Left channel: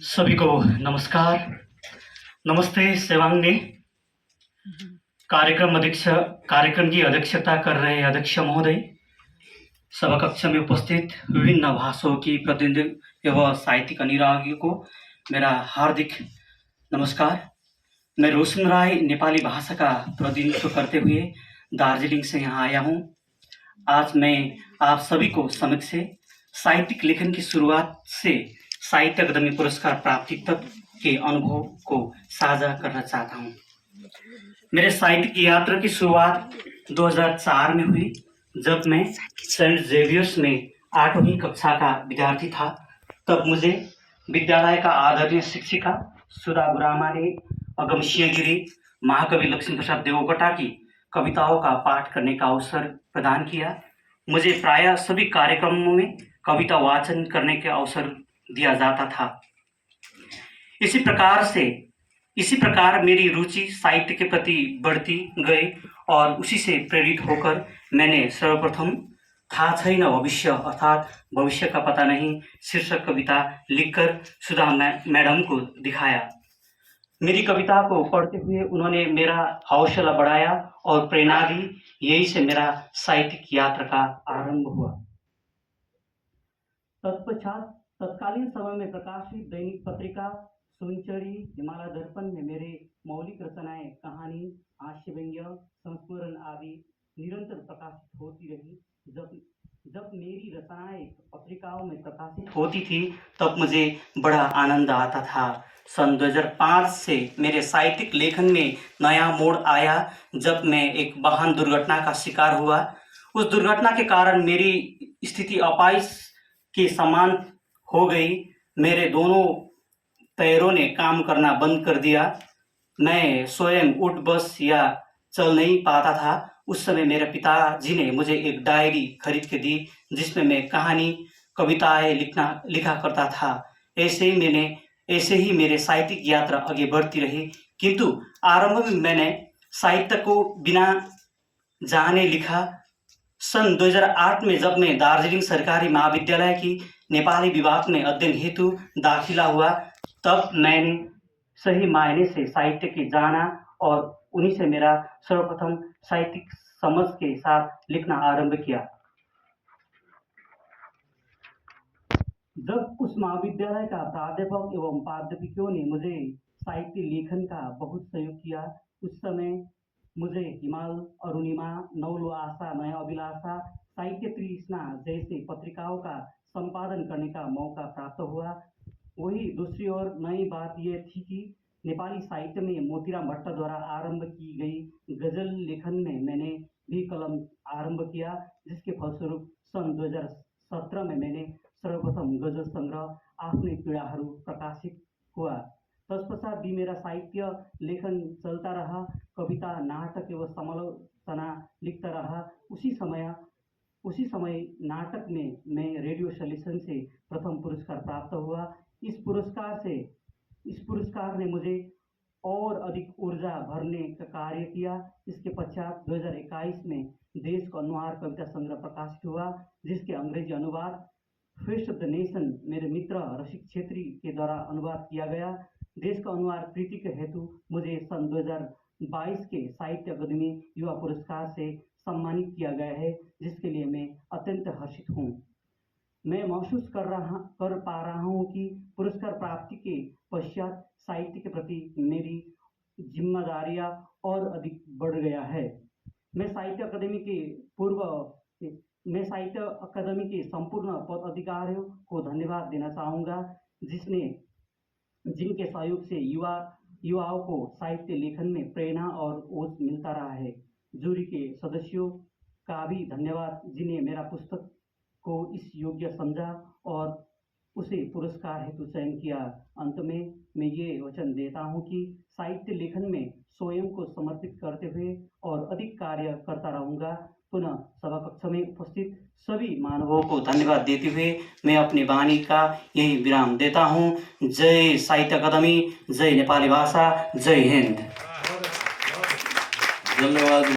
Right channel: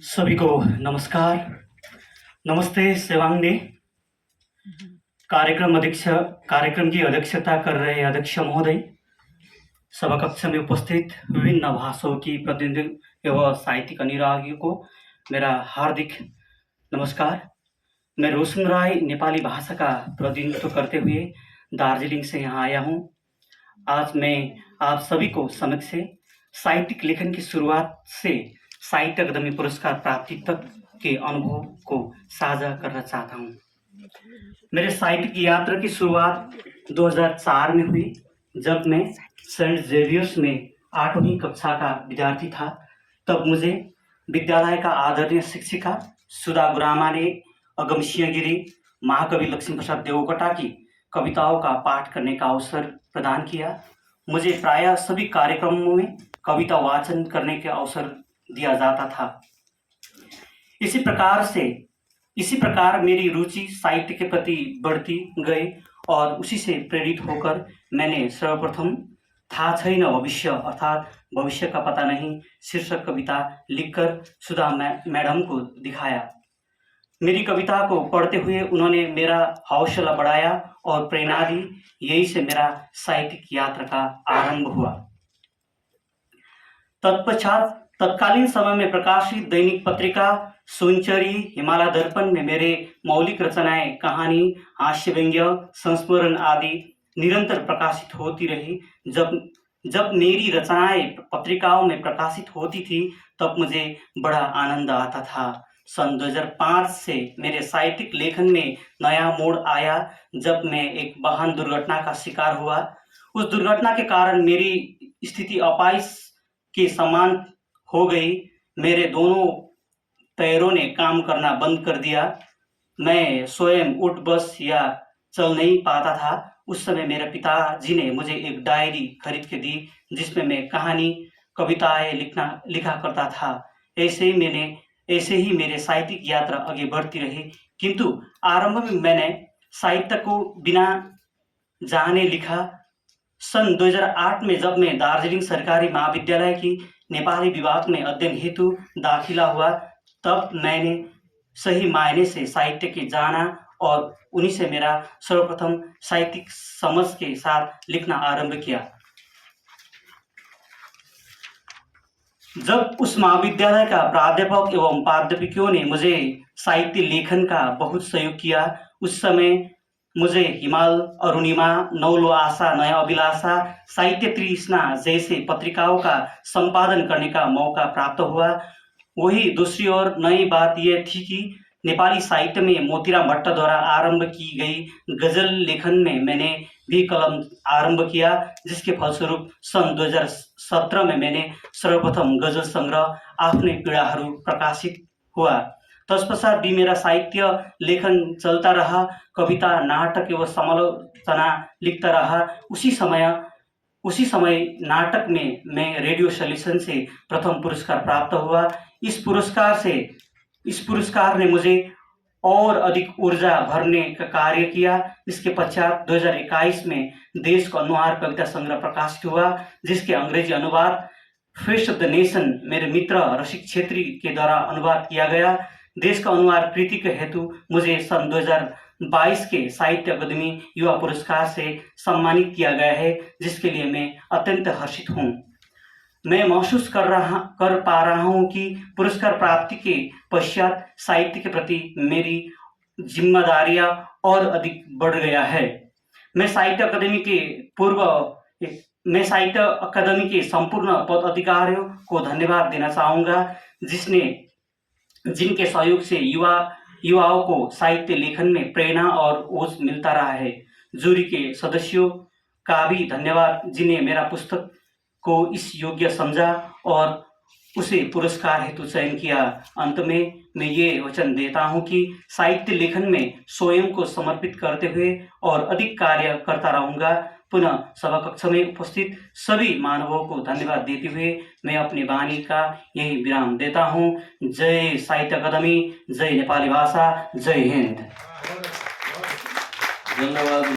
सभी को नमस्कार। नमस्ते सेवांगने। कार्यक्रम की अध्यक्षता कर रहे अध्यक्ष महोदय, सभा कक्ष में उपस्थित विभिन्न भाषाओं की प्रतिनिधि एवं साहित्यिक अनुरागियों को मेरा हार्दिक नमस्कार। मैं रोशन राय नेपाली भाषा का प्रतिनिधित्व करते हुए दार्जिलिंग से यहाँ आया हूँ। आज मैं आप सभी को समक्ष साहित्यिक लेखन की शुरुआत से साहित्य अकादमी पुरस्कार प्राप्ति तक के अनुभव को साझा करना चाहता हूँ। मेरे साहित्यिक यात्रा की शुरुआत 2004 में हुई, जब मैं सेंट जेवियर्स में 8वीं कक्षा का विद्यार्थी था। तब मुझे विद्यालय का आदरणीय शिक्षिका सुधा गुरामा ने अगमसिंह गिरी, महाकवि लक्ष्मी प्रसाद देवकोटा की कविताओं का पाठ करने का अवसर प्रदान किया। मुझे प्रायः सभी कार्यक्रमों में कविता वाचन करने के अवसर दिया जाता था। इसी प्रकार मेरी रुचि साहित्य के प्रति बढ़ती गई और उसी से प्रेरित होकर मैंने सर्वप्रथम था छैन भविष्य अर्थात भविष्य का पता नहीं शीर्षक कविता लिखकर सुधा मैडम को दिखाया। मेरी कविता को पढ़ते हुए उन्होंने मेरा हौसला बढ़ाया और प्रेरणा दी। यही से मेरा साहित्यिक यात्रा का आरंभ हुआ। तत्पश्चात तत्कालीन समय में प्रकाशित दैनिक पत्रिका सुनचरी, हिमालय दर्पण में मेरे मौलिक रचनाएं, कहानी, हास्य व्यंग्य, संस्मरण आदि निरंतर प्रकाशित होती रही। जब मेरी रचनाएं पत्रिकाओं में प्रकाशित होती थी तब मुझे बड़ा आनंद आता था। सन 2005 से मेरे साहित्यिक लेखन में नया मोड़ आया, जब मैं एक वाहन दुर्घटना का शिकार हुआ। उस दुर्घटना के कारण मेरी स्थिति अपाहिज के समान हो गई। मेरे दोनों पैरों ने काम करना बंद कर दिया। मैं स्वयं उठ बस या चल नहीं पाता था। उस समय मेरे पिताजी ने मुझे एक डायरी खरीद के दी, जिसमें मैं कहानी, कविताएं लिखा करता था। ऐसे ही मेरे साहित्यिक यात्रा आगे बढ़ती रही। किंतु आरंभ में मैंने साहित्य को बिना जाने लिखा। सन 2008 में जब मैं दार्जिलिंग सरकारी महाविद्यालय की नेपाली विभाग में अध्ययन हेतु दाखिला हुआ, तब मैंने सही मायने से साहित्य के जाना और उन्हीं से मेरा सर्वप्रथम साहित्यिक समझ के साथ लिखना आरंभ किया। जब उस महाविद्यालय का प्राध्यापक एवं प्राध्यापिकाओं ने मुझे साहित्य लेखन का बहुत सहयोग किया। उस समय मुझे हिमाल, अरुणिमा, नौलो आशा, नया अभिलाषा, साहित्य तृष्णा जैसे पत्रिकाओं का संपादन करने का मौका प्राप्त हुआ। वही दूसरी ओर नई बात यह थी कि नेपाली साहित्य में मोतीराम भट्ट द्वारा आरंभ की गई गजल लेखन में मैंने भी कलम आरंभ किया, जिसके फलस्वरूप सन 2017 में मैंने सर्वप्रथम गजल संग्रह आफ्नै पीडाहरू प्रकाशित हुआ। तत्पश्चात भी मेरा साहित्य लेखन चलता रहा। कविता, नाटक एवं समालोचना लिखता रहा। उसी समय नाटक में मैं रेडियो सॉल्यूशन से प्रथम पुरस्कार प्राप्त हुआ। इस पुरस्कार ने मुझे और अधिक ऊर्जा भरने का कार्य किया। इसके पश्चात 2021 में देश का अनुहार कविता संग्रह प्रकाशित हुआ, जिसके अंग्रेजी अनुवाद फेस ऑफ द नेशन मेरे मित्र रसिक छेत्री के द्वारा अनुवाद किया गया। देश का अनुहार कृति के हेतु मुझे सन 2022 के साहित्य अकादमी युवा पुरस्कार से सम्मानित किया गया है, जिसके लिए मैं अत्यंत हर्षित हूँ। मैं महसूस कर पा रहा हूँ कि पुरस्कार प्राप्ति के पश्चात साहित्य के प्रति मेरी जिम्मेदारियां और अधिक बढ़ गया है। मैं साहित्य अकादमी के संपूर्ण पदाधिकारियों को धन्यवाद देना चाहूँगा, जिनके सहयोग से युवाओं को साहित्य लेखन में प्रेरणा और ओज मिलता रहा है। जूरी के सदस्यों का भी धन्यवाद, जिन्हें मेरा पुस्तक को इस योग्य समझा और उसे पुरस्कार हेतु चयन किया। अंत में मैं ये वचन देता हूँ कि साहित्य लेखन में स्वयं को समर्पित करते हुए और अधिक कार्य करता रहूँगा। पुनः सभा कक्ष में उपस्थित सभी मानवों को धन्यवाद देते हुए मैं अपनी वाणी का यही विराम देता हूँ। जय साहित्य अकादमी, जय नेपाली भाषा, जय हिंद। धन्यवाद।